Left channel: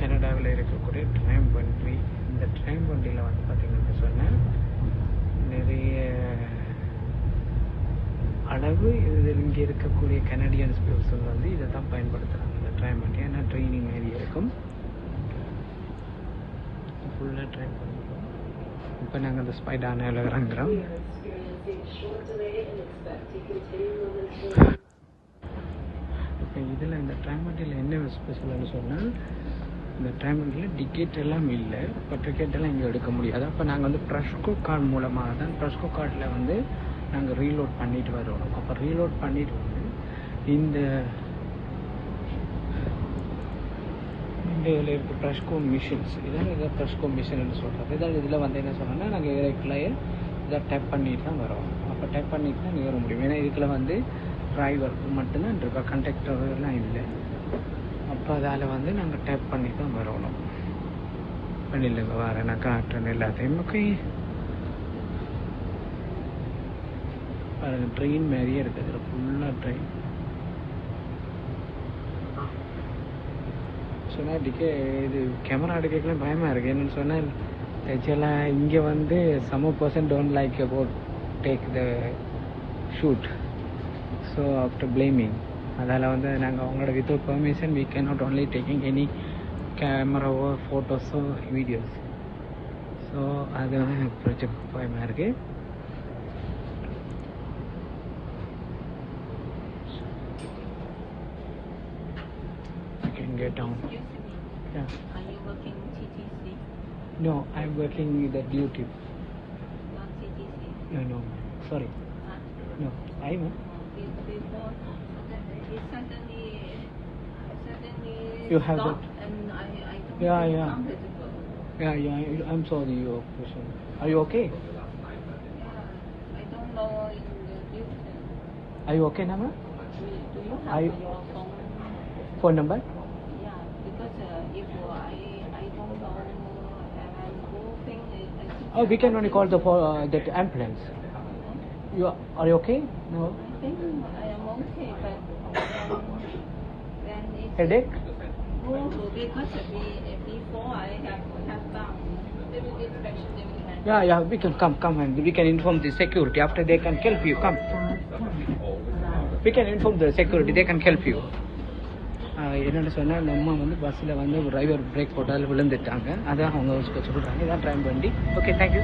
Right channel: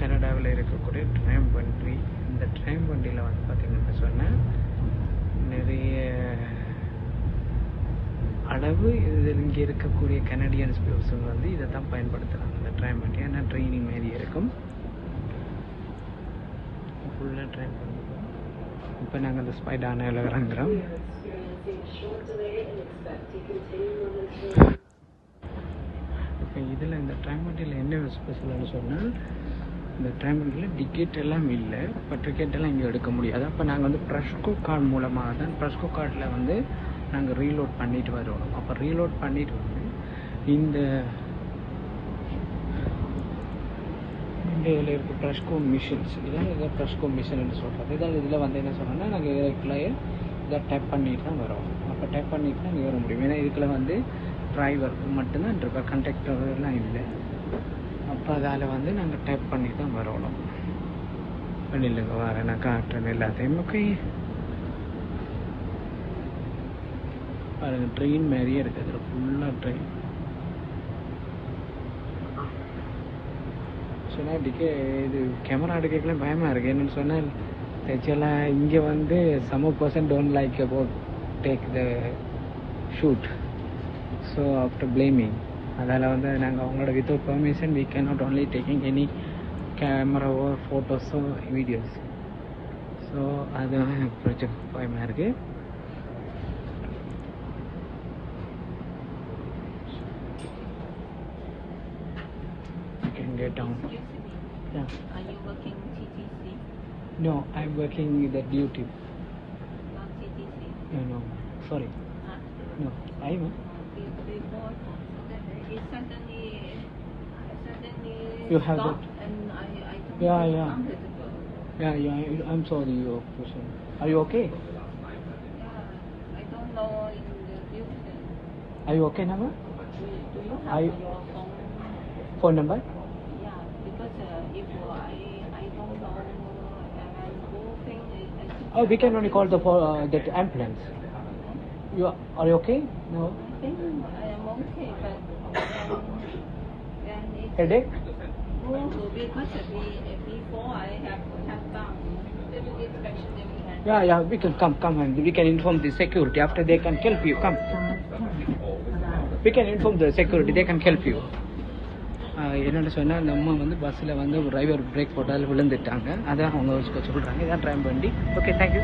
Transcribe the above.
கனடாவில் இருக்கக்கூடிய ட்ரைம் வண்டி. இந்த ட்ரைம் வண்டியில் வந்து பார்த்தீங்கன்னு சொன்னால் நிறைய அளவு இதில் இங்கே இருக்கக்கூடிய கனடியன்ஸ் பர்சன் வந்து இதை தான் பயன்படுத்துகிறாங்க. இந்த ட்ரைம் வண்டி ஏன்னா ட்ரெயினிங் மாரி இருக்கும். ஃபுல்லாக ட்ரைம். இப்போ நாங்கள் அந்த ஸ்பைடானில் இறங்குறோம். இப்போ இதில் இந்த ட்ரைம் வண்டியில் என்ன ஸ்பெஷல்னு சொன்னால் இந்த ட்ரைம் வண்டியில் டிக்கெட் எல்லாம் இல்லை. இப்போ டிக்கெட் எல்லாம் இங்கே எடுக்க முடியாது. அப்போ நாங்கள் வந்து ப்ரெஷ்கோ கார்டு மூலமாக தான் ப்ரெஷ்கோ கார்டில் வந்து நாங்கள் ரீலோட் பண்ணிட்டு வருவோம். அப்போ ரீலோட் பண்ணிட்டு வந்து இந்த இதில் இருக்க ப்ரெஷ்கோ மிஷின்ஸ் இதை ப்ரெஷ்கோ மிஷின்னு சொல்கிறது. இதில் வந்து என்ன சொல்லணும்னா நாங்கள் இதுக்குள்ளேயே இதை டைப் பண்ணிட்டு தான் வரோம். அப்போ டைப் பண்ணிட்டு தான் ஏற முடியும். ஏன்னா இதுக்குள்ள வந்து டிரைவருக்கு மட்டும்தான் டிரைவர், கண்டக்டர்லாம் இல்லை. அப்போ அதால் வந்து நாங்கள் டைப் பண்ணி தான் வரணும். பண்ணிடுங்க வரேன் நான் காட்டுறேன் எல்லாத்தையும். ஓகே, பாருங்கள் ட்ரெயின் மாதிரியே இருக்குது. ஃபுல்லாக ட்ரெயின். சொன்னால் இது கேமரா எடுக்கலாம் பயமாக இருக்குது. என்னென்னு சொன்னால் ஆக்சுவலாக இங்கே வந்து some person don't like about take the shoot. So after blaming அதால் வந்து நாங்கள் அவங்களோட without permission we can not only taking any கேமராவோ ஃபோட்டோஸோ வீடியோஸ். ஸோ அது ப்ராஜெக்ட் பயமாக இருக்குது. Get down. Yeah. Are you working TTC? No, I'm working with the duty. Not TTC? No, sorry. No, I know. You suddenly You have stopped that? and I Yeah. counted the phone. Yeah, I'm sorry, your question. Are you okay? Yeah, I don't know in the duty. Are you okay now? I I phone number? Oh, we can only call the ambulance. Are you okay? No. I am okay, but Headache? no, because before I have to come down. They will inspection anyway. Yeah, we can come and we can inform the security. After they can help you. Come. We can inform the security. They can help you. என்னென்னு சொன்னால் அந்த அம்மா வந்து பஸ்ஸில் வந்து ஒரு driver break போட்டால் விழுந்துட்டாங்க. அதை அவங்க சொல்கிறாங்க. இதான் ட்ரைம் வண்டி. Okay, thank you.